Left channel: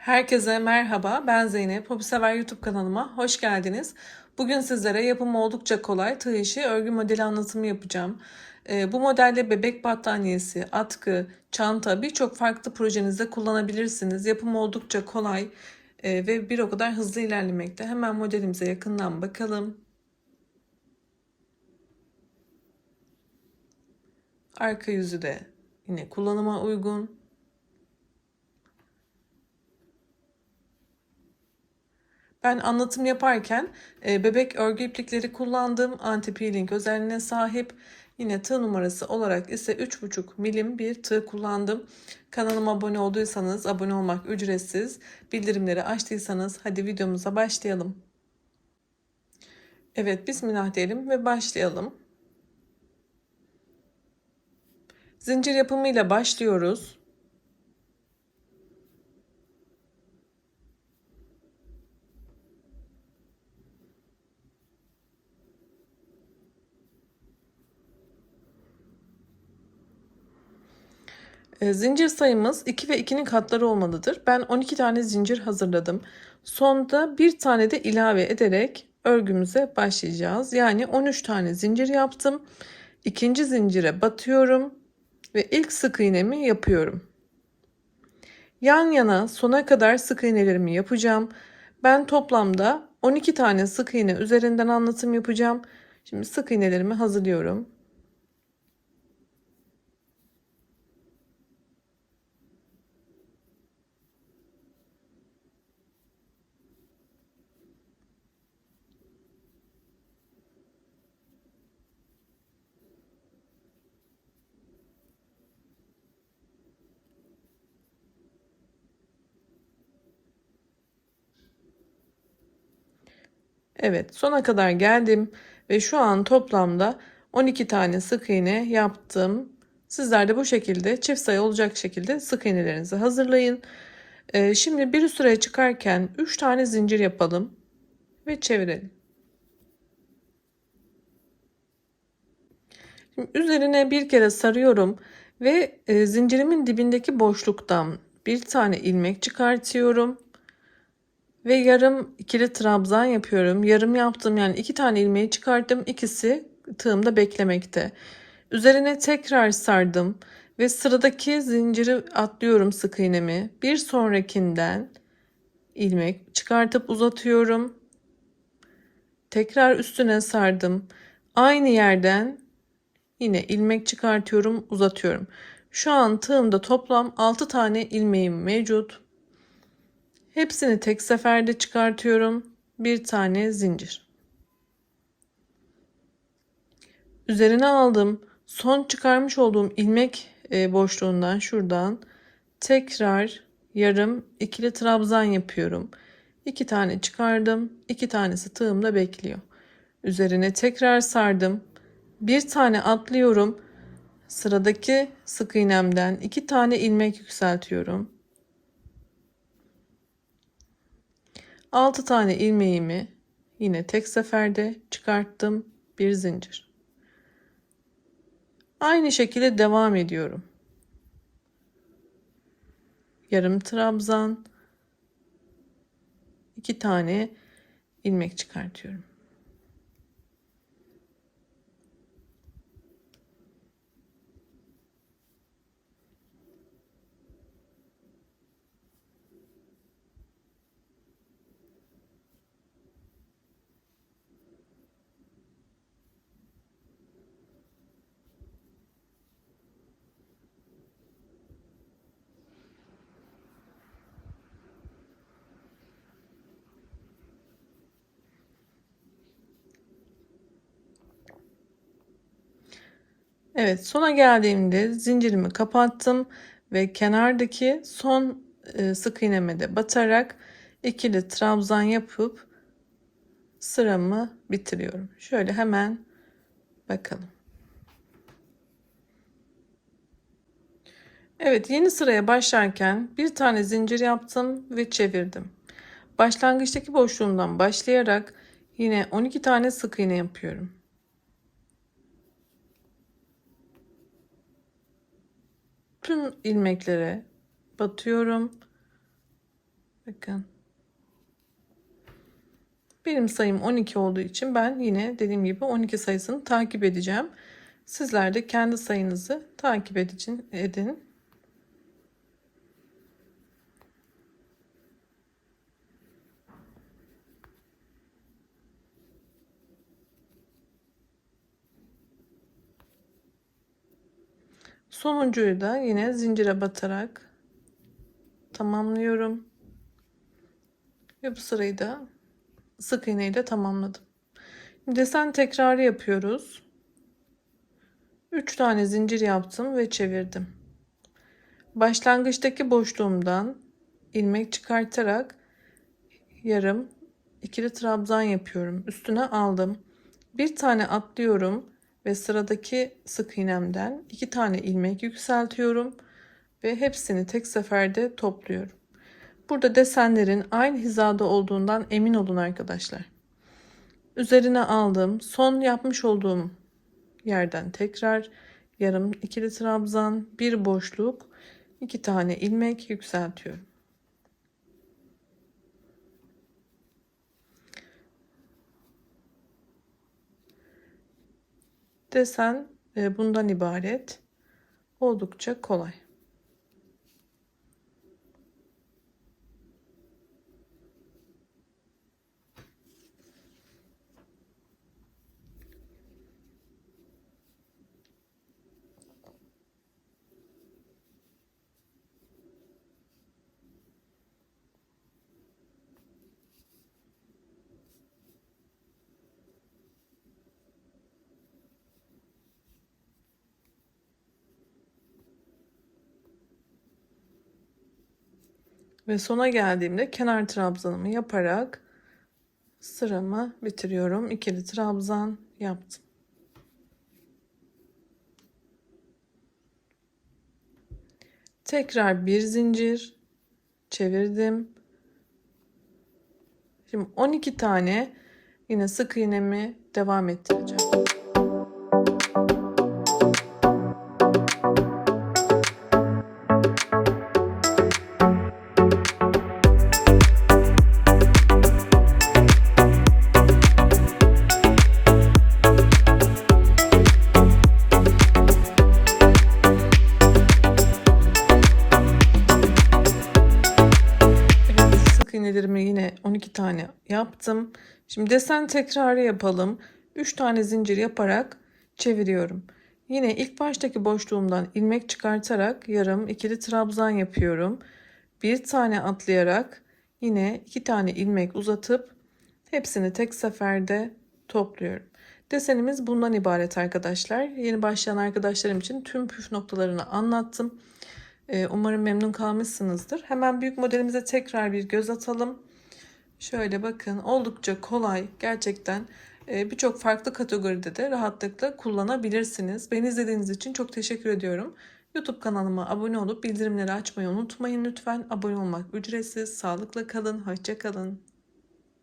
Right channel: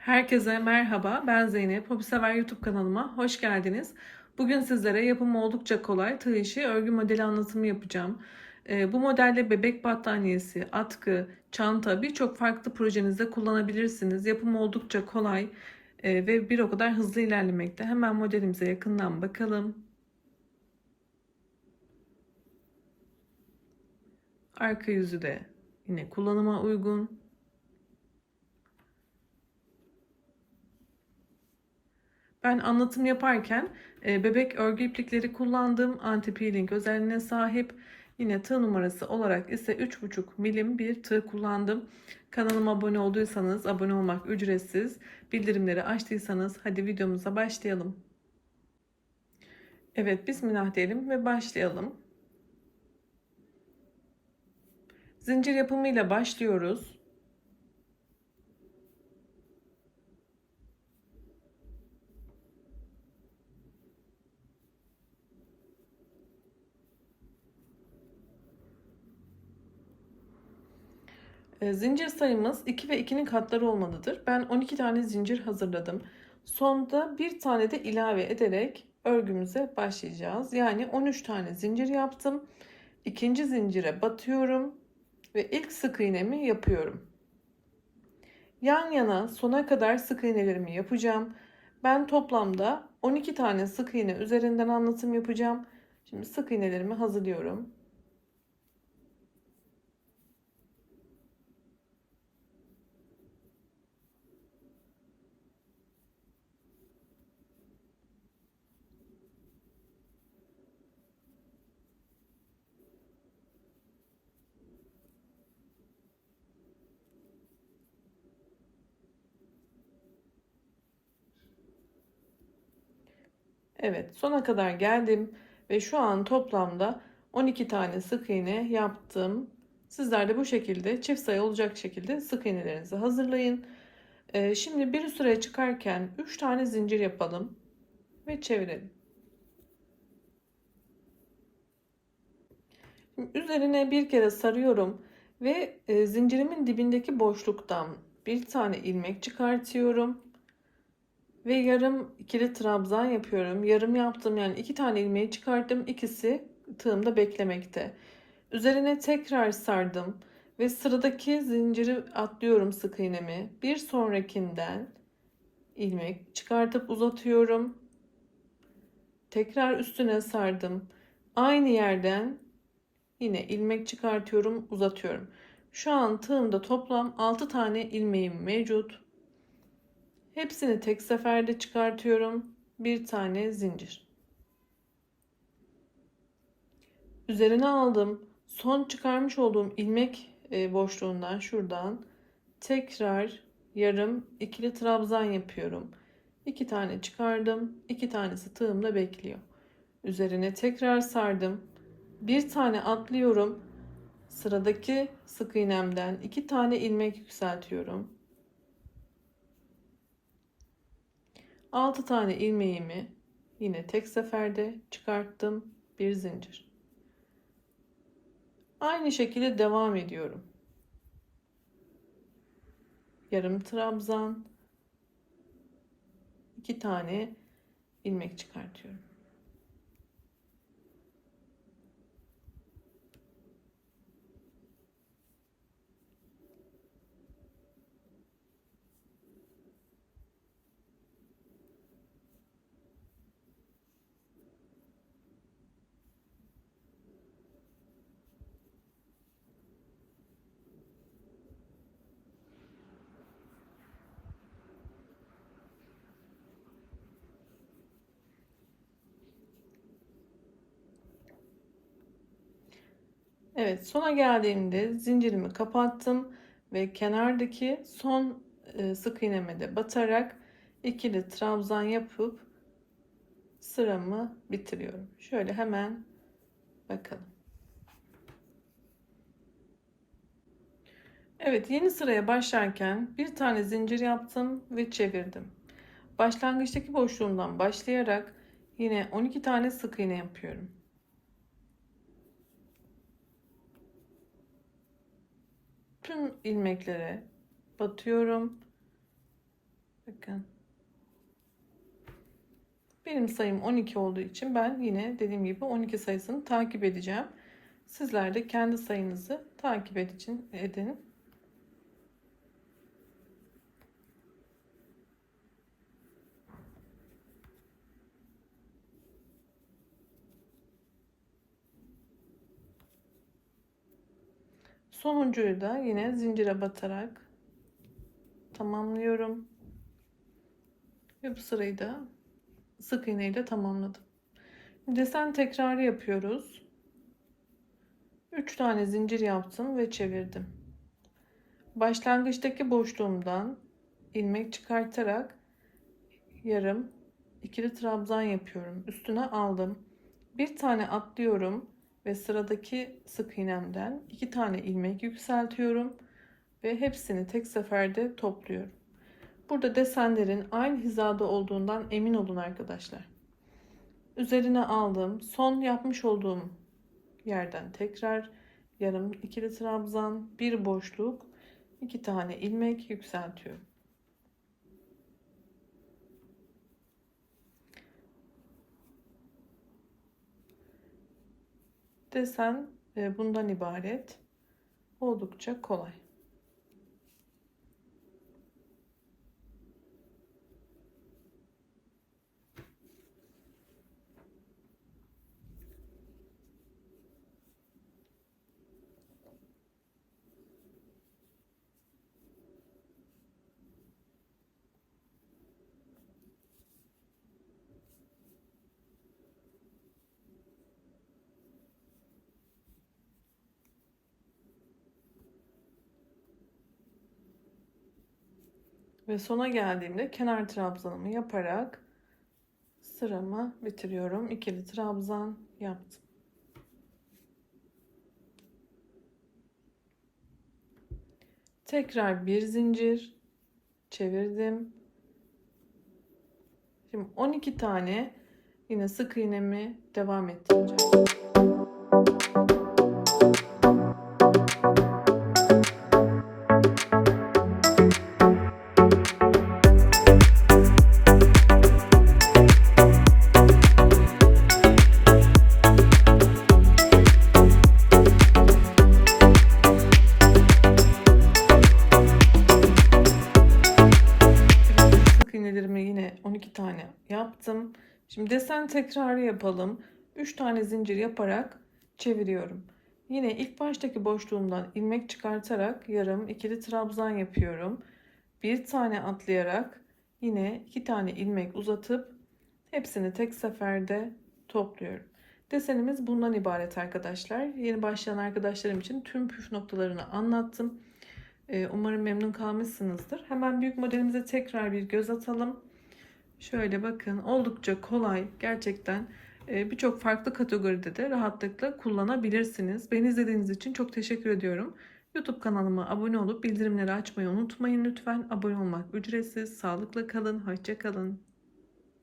Herkese merhaba, ben Zeynep. Hobi Sever YouTube kanalıma hoş geldiniz. Bugün sizlere yapımı oldukça kolay tığ işi örgü modeli anlatımı yapacağım. Ee, bu modelde bebek battaniyesi, atkı, çanta birçok farklı projenizde kullanabilirsiniz. Yapımı oldukça kolay e, ve bir o kadar hızlı ilerlemekte. Hemen modelimize yakından bakalım. Arka yüzü de yine kullanıma uygun. Ben anlatım yaparken e, bebek örgü iplikleri kullandım. Anti peeling özelliğine sahip. Yine tığ numarası olarak ise 3,5 milim bir tığ kullandım. Kanalıma abone olduysanız abone olmak ücretsiz. Bildirimleri açtıysanız hadi videomuza başlayalım. Evet bismillah diyelim ve başlayalım. Zincir yapımıyla başlıyoruz. Zincir sayımız 2 ve 2'nin katları olmalıdır. Ben 12 tane zincir hazırladım. Sonda bir tane de ilave ederek örgümüze başlayacağız. Yani 13 tane zincir yaptım. İkinci zincire batıyorum ve ilk sık iğnemi yapıyorum. Yan yana sona kadar sık iğnelerimi yapacağım. Ben toplamda 12 tane sık iğne üzerinden anlatım yapacağım. Şimdi sık iğnelerimi hazırlıyorum. Evet sona kadar geldim ve şu an toplamda 12 tane sık iğne yaptım. Sizler de bu şekilde çift sayı olacak şekilde sık iğnelerinizi hazırlayın. Ee, şimdi bir sıraya çıkarken 3 tane zincir yapalım ve çevirelim. Şimdi üzerine bir kere sarıyorum ve e, zincirimin dibindeki boşluktan bir tane ilmek çıkartıyorum. Ve yarım ikili trabzan yapıyorum. Yarım yaptım yani iki tane ilmeği çıkarttım. İkisi tığımda beklemekte. Üzerine tekrar sardım ve sıradaki zinciri atlıyorum sık iğnemi. Bir sonrakinden ilmek çıkartıp uzatıyorum. Tekrar üstüne sardım. Aynı yerden yine ilmek çıkartıyorum, uzatıyorum. Şu an tığımda toplam 6 tane ilmeğim mevcut. Hepsini tek seferde çıkartıyorum. Bir tane zincir. Üzerine aldım. Son çıkarmış olduğum ilmek e, boşluğundan şuradan tekrar yarım ikili trabzan yapıyorum. İki tane çıkardım. iki tanesi tığımda bekliyor. Üzerine tekrar sardım. Bir tane atlıyorum. Sıradaki sık iğnemden iki tane ilmek yükseltiyorum. 6 tane ilmeğimi yine tek seferde çıkarttım. Bir zincir. Aynı şekilde devam ediyorum. Yarım trabzan, iki tane ilmek çıkartıyorum. Evet sona geldiğimde zincirimi kapattım ve kenardaki son e, sık iğneme de batarak ikili trabzan yapıp sıramı bitiriyorum. Şöyle hemen bakalım. Evet yeni sıraya başlarken bir tane zincir yaptım ve çevirdim. Başlangıçtaki boşluğumdan başlayarak yine 12 tane sık iğne yapıyorum. Tüm ilmeklere batıyorum Bakın. Benim sayım 12 olduğu için ben yine dediğim gibi 12 sayısını takip edeceğim. Sizler de kendi sayınızı takip edin. Sonuncuyu da yine zincire batarak tamamlıyorum. Ve bu sırayı da sık iğne ile tamamladım. Desen tekrarı yapıyoruz. 3 tane zincir yaptım ve çevirdim. Başlangıçtaki boşluğumdan ilmek çıkartarak yarım ikili trabzan yapıyorum. Üstüne aldım. Bir tane atlıyorum ve sıradaki sık iğnemden iki tane ilmek yükseltiyorum ve hepsini tek seferde topluyorum. Burada desenlerin aynı hizada olduğundan emin olun arkadaşlar. Üzerine aldım. Son yapmış olduğum yerden tekrar yarım ikili trabzan, bir boşluk, iki tane ilmek yükseltiyorum. Desen e, bundan ibaret. Oldukça kolay. Ve sona geldiğimde kenar trabzanımı yaparak sıramı bitiriyorum. İkili trabzan yaptım. Tekrar bir zincir çevirdim. Şimdi 12 tane yine sık iğnemi devam ettireceğim. İğnelerimi yine 12 tane yaptım. Şimdi desen tekrarı yapalım. 3 tane zincir yaparak çeviriyorum. Yine ilk baştaki boşluğumdan ilmek çıkartarak yarım ikili trabzan yapıyorum. Bir tane atlayarak yine iki tane ilmek uzatıp hepsini tek seferde topluyorum. Desenimiz bundan ibaret arkadaşlar. Yeni başlayan arkadaşlarım için tüm püf noktalarını anlattım. Ee, Umarım memnun kalmışsınızdır. Hemen büyük modelimize tekrar bir göz atalım. Şöyle bakın oldukça kolay gerçekten e, birçok farklı kategoride de rahatlıkla kullanabilirsiniz. Beni izlediğiniz için çok teşekkür ediyorum. YouTube kanalıma abone olup bildirimleri açmayı unutmayın lütfen. Abone olmak ücretsiz. Sağlıkla kalın, hoşça kalın.